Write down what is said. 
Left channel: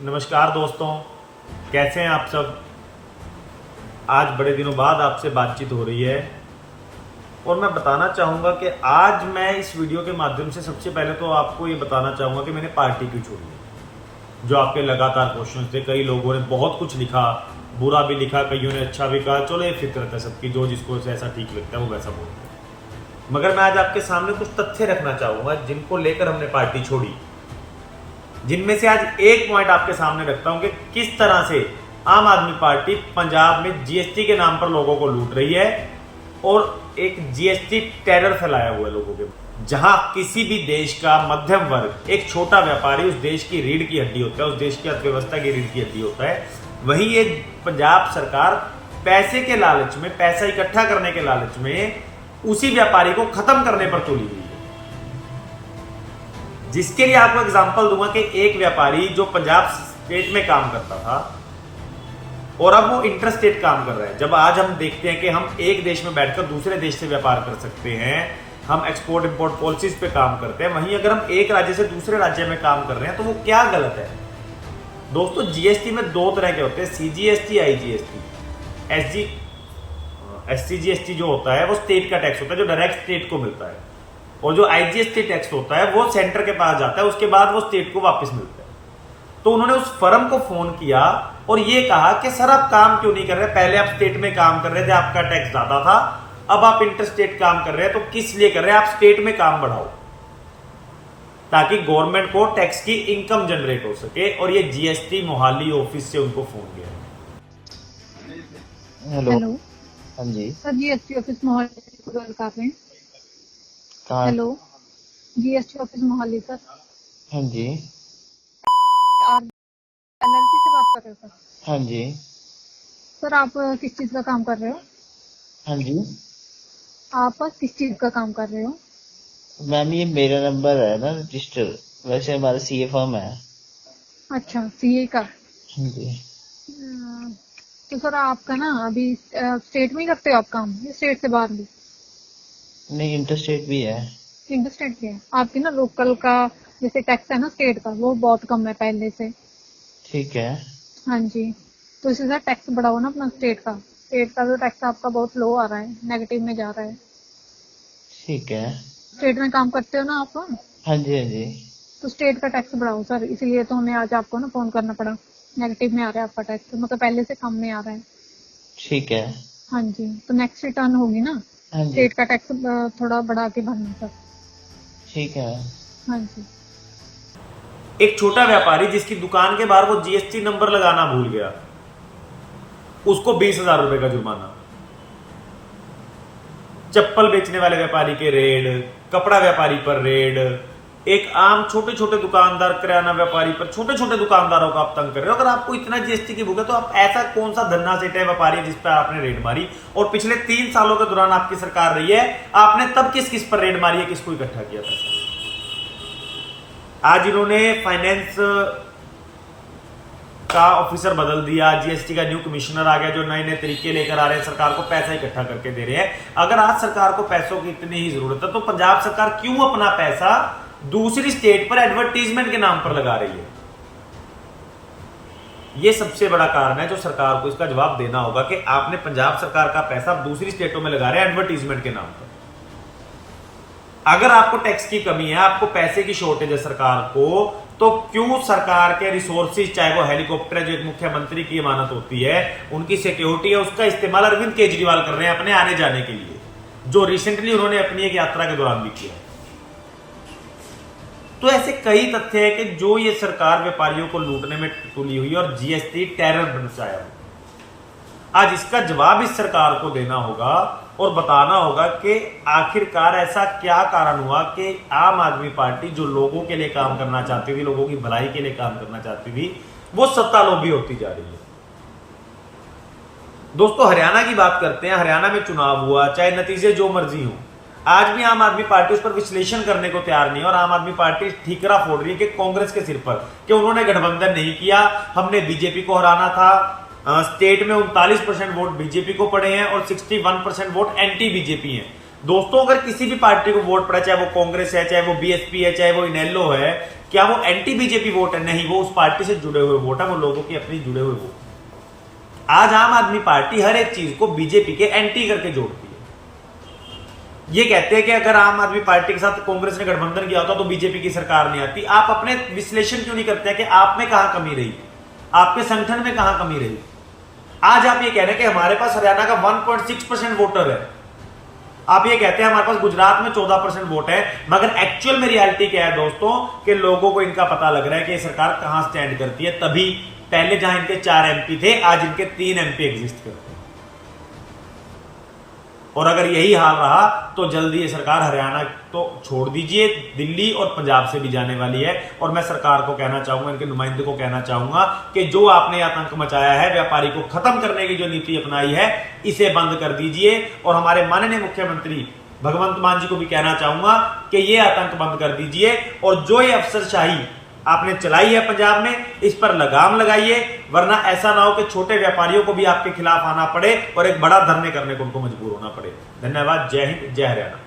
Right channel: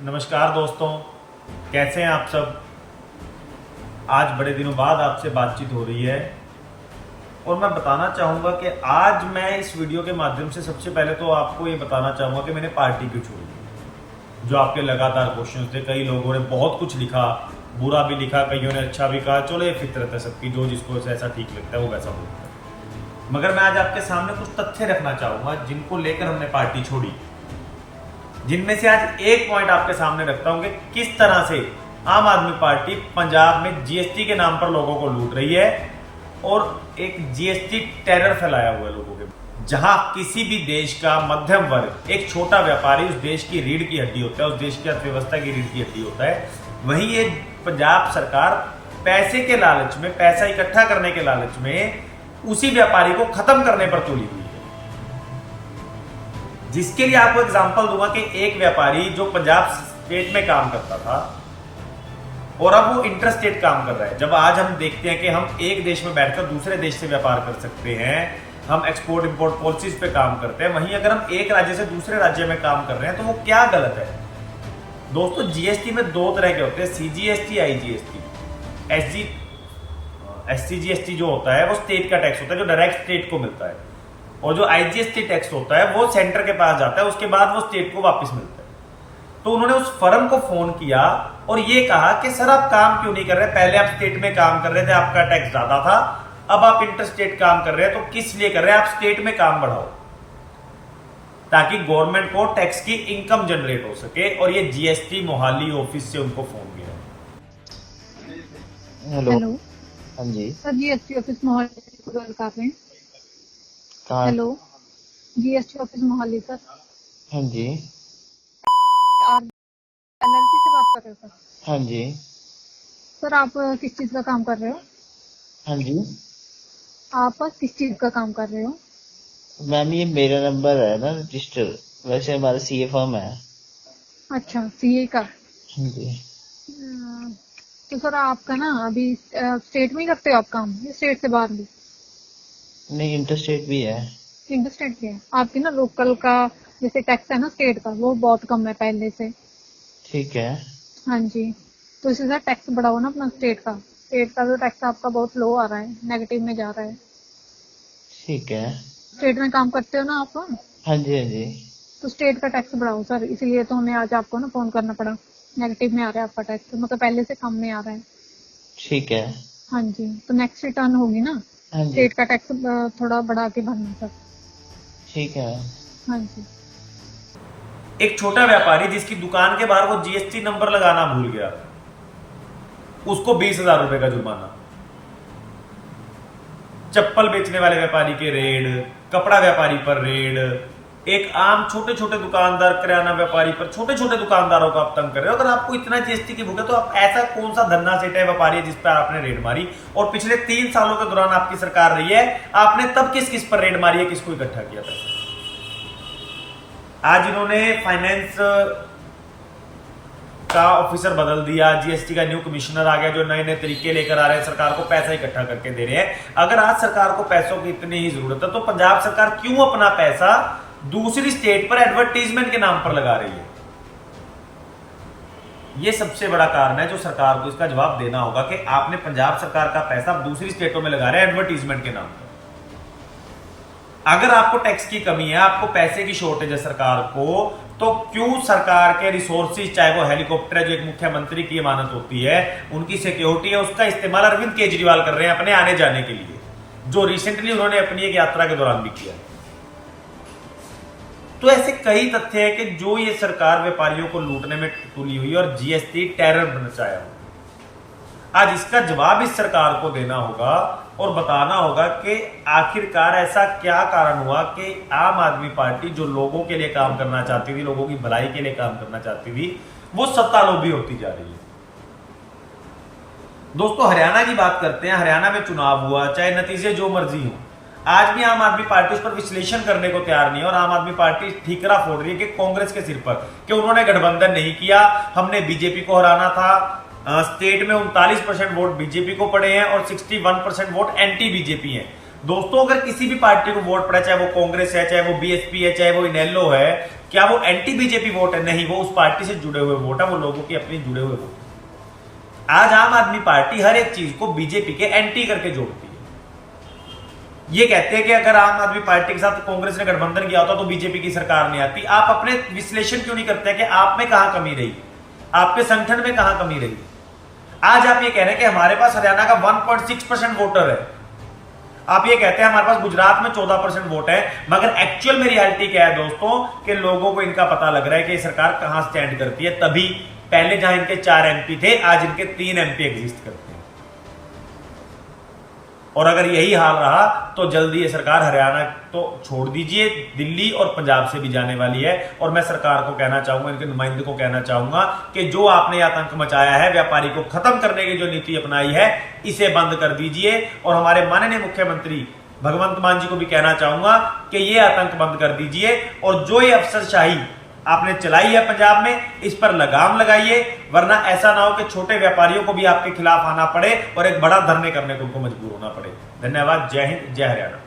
नमस्कार दोस्तों, कैसे हैं आप सब। आज बड़े दिनों बाद आपसे बातचीत हो रही है और मैं बताना चाहूँगा कि आज मैं इस वीडियो के माध्यम से सबसे पहले तो आपको ये बताना चाहूँगा कि मैंने पार्टी क्यों छोड़ी। जो आपके लगातार क्वेश्चन थे, कई लोगों ने बहुत कुछ लिखा, बुरा भी लिखा, कईयों ने अच्छा भी कहा। चलो ये फितरत है सबकी, जो जिसको ऐसा ठीक लगता है वो वैसा बोलता है। मगर मैं आज आपके सामने कुछ तथ्य रखना चाहूँगा जिनको लेकर हमने पार्टी छोड़ी, जिनमें से आज एक पॉइंट आपके सामने रखता हूं कि किस तरह से आम आदमी पार्टी पंजाब में जीएसटी के नाम पर लोगों को लूट रही है और एक जीएसटी टेरर फैलाया हुआ है लोगों के। जहां किसी भी देश का मध्यम वर्ग, एक छोटा व्यापारी उस देश की रीढ़ की हड्डी होता है, उस देश की अर्थव्यवस्था की रीढ़ की हड्डी होता है, वहीं ये पंजाब सरकार पैसे के लालच में, पैसा इकट्ठा करने के लालच में उसी व्यापारी को खत्म करने पर तुली हुई है। जिसके लिए आपको एग्जांपल दूंगा कि एक व्यापारी जो पंजाब स्टेट में काम करता था और अब वो इंटर स्टेट काम कर रहा है। जब आज हम देखते हैं कि हम एक देश में बैठकर दूसरे देश से व्यापार कर सकते हैं, हम एक्सपोर्ट इंपोर्ट पॉलिसीज पे काम करते हैं, वहीं अगर हम एक राज्य से दूसरे राज्य में काम कर रहे हैं तो वो क्या गलत है। दोस्तों, जीएसटी में दो तरह के होते हैं, सीजीएसटी, आईजीएसटी। एससीजीएसटी जो होता है वो स्टेट का टैक्स होता है जो डायरेक्ट स्टेट को मिलता है, और जो आईजीएसटी टैक्स होता है वो सेंटर के पास जाता है, उसके बाद वो स्टेट को वापस मिलता है। तो उन्होंने उस फर्म को फोन किया और ये कहा कि सर आप काम क्यों नहीं कर रहे, पहले आप स्टेट में काम कर रहे थे, आपका टैक्स ज्यादा था, अब आप इंटर स्टेट काम कर रहे हैं, तो किस लिए कर रहे हैं, आप स्टेट में काम बढ़ाओ ताकि गवर्नमेंट को टैक्स की इनकम जनरेट हो सके। और ये जीएसटी मोहाली ऑफिस से उनको फोन गया। हेलो। हेलो हाँ जी। सर, जीएसटी ऑफिस मोहाली से बात कर रहे हैं। कहाँ? Hello, GST office Mohali sir. हाँ जी। आप एलएलसी से बात कर रहे हो सर? हाँ जी। सर आप किस चीज का काम कर रहे हो? हाँ जी आप किस चीज का काम कर रहे हो? मैम, ये मेरा नंबर है ना रजिस्टर, वैसे हमारा सीए फर्म है। अच्छा, सीए का। हाँ जी। तो सर आपका ना अभी स्टेट में ही करते हो आप काम, या स्टेट से बाहर भी? नहीं, इंटरस्टेट भी है। इंटर स्टेट के है आपकी ना। लोकल का जैसे टैक्स है ना स्टेट का, वो बहुत कम है पहले से। ठीक है। हाँ जी, तो इसी से टैक्स बढ़ाओ ना अपना स्टेट का। स्टेट का जो टैक्स आपका बहुत लो आ रहा है, नेगेटिव में जा रहा है। ठीक है। स्टेट में काम करते हो ना आप, हाँ जी। हाँ जी। तो स्टेट का टैक्स बढ़ाओ सर। इसलिए तो हमें आज आपको ना फोन करना पड़ा। नेगेटिव में आ रहा है आपका टैक्स, मतलब पहले से कम में आ रहा है। ठीक है। हाँ जी, तो नेक्स्ट रिटर्न होगी ना, हाँ जी। स्टेट का टैक्स थोड़ा बढ़ा के भरना सर। ठीक है। हाँ जी। एक छोटा व्यापारी जिसकी दुकान के बाहर वो जीएसटी नंबर लगाना भूल गया, उसको 20,000 रुपए का जुर्माना। चप्पल बेचने वाले व्यापारी के रेड, कपड़ा व्यापारी पर रेड, एक आम छोटे छोटे दुकानदार, किराना व्यापारी पर, छोटे छोटे दुकानदारों का आप तंग कर रहे हो। अगर आपको इतना जीएसटी की भूख है तो आप ऐसा कौन सा धन्ना सेठे व्यापारी है जिस पर आपने रेड मारी? और पिछले 3 सालों के दौरान आपकी सरकार रही है, आपने तब किस किस पर रेड मारी है, किसको इकट्ठा किया था? आज इन्होंने फाइनेंस का ऑफिसर बदल दिया, जीएसटी का न्यू कमिश्नर आ गया जो नए नए तरीके लेकर आ रहे हैं, सरकार को पैसा इकट्ठा करके दे रहे हैं। अगर आज सरकार को पैसों की इतनी ही जरूरत है तो पंजाब सरकार क्यों अपना पैसा दूसरी स्टेट पर एडवर्टीजमेंट के नाम पर लगा रही है? यह सबसे बड़ा कारण है जो सरकार को इसका जवाब देना होगा कि आपने पंजाब सरकार का पैसा दूसरी स्टेटों में लगा रहे हैं एडवर्टीजमेंट के नाम पर। अगर आपको टैक्स की कमी है, आपको पैसे की शॉर्टेज है सरकार को, तो क्यों सरकार के रिसोर्सेज, चाहे वो हेलीकॉप्टर है जो एक मुख्यमंत्री की अमानत होती है, उनकी सिक्योरिटी है, उसका इस्तेमाल अरविंद केजरीवाल कर रहे हैं अपने आने जाने के लिए, जो रिसेंटली उन्होंने अपनी एक यात्रा के दौरान भी किया। तो ऐसे कई तथ्य है कि जो ये सरकार व्यापारियों को लूटने में तुली हुई और जीएसटी टेरर मचाया हुआ। आज इसका जवाब इस सरकार को देना होगा और बताना होगा कि आखिरकार ऐसा क्या कारण हुआ कि आम आदमी पार्टी जो लोगों के लिए काम करना चाहती थी, लोगों की भलाई के लिए काम करना चाहती थी, वो सत्ता लोभी होती जा रही है। दोस्तों, हरियाणा की बात करते हैं। हरियाणा में चुनाव हुआ, चाहे नतीजे जो मर्जी हो, आज भी आम आदमी पार्टी उस पर विश्लेषण करने को तैयार नहीं है और आम आदमी पार्टी ठीकरा फोड़ रही है कि कांग्रेस के सिर पर कि उन्होंने गठबंधन नहीं किया, हमने बीजेपी को हराना था। स्टेट में 39% वोट बीजेपी को पड़े हैं और 61% वोट एंटी बीजेपी हैं। दोस्तों अगर किसी भी पार्टी को वोट पड़ा, चाहे वो कांग्रेस है, चाहे वो बीएसपी है, चाहे वो इनेलो है, क्या वो एंटी बीजेपी वोट है? नहीं, वो उस पार्टी से जुड़े हुए वोट है, वो लोगों की अपनी जुड़े हुए वोट। आज आम आदमी पार्टी हर एक चीज को बीजेपी के एंटी करके जोड़ती है। ये कहते हैं कि अगर आम आदमी पार्टी के साथ कांग्रेस ने गठबंधन किया होता तो बीजेपी की सरकार नहीं आती। आप अपने विश्लेषण क्यों नहीं करते हैं कि आप में कहां कमी रही, आपके संगठन में कहां कमी रही? आज आप ये कह रहे हैं कि हमारे पास हरियाणा का 1.6% वोटर है, आप ये कहते हैं हमारे पास गुजरात में 14% वोट है, मगर एक्चुअल में रियलिटी क्या है दोस्तों कि लोगों को इनका पता लग रहा है कि सरकार कहां स्टैंड करती है। तभी पहले जहां इनके 4 एमपी थे, आज इनके 3 एमपी एग्जिस्ट करते हैं। और अगर यही हाल रहा तो जल्दी ये सरकार हरियाणा तो छोड़ दीजिए, दिल्ली और पंजाब से भी जाने वाली है। और मैं सरकार को कहना चाहूंगा, इनके नुमाइंदे को कहना चाहूंगा कि जो आपने आतंक मचाया है, व्यापारी को खत्म करने की जो नीति अपनाई है, इसे बंद कर दीजिए। और हमारे माननीय मुख्यमंत्री भगवंत मान जी को भी कहना चाहूंगा कि ये आतंक बंद कर दीजिए और जो ये अफसरशाही आपने चलाई है पंजाब में, इस पर लगाम लगाइए, वरना ऐसा ना हो कि छोटे व्यापारियों को भी आपके खिलाफ आना पड़े और एक बड़ा धरने करने को उनको मजबूर होना पड़े। धन्यवाद। जय हिंद, जय हरियाणा।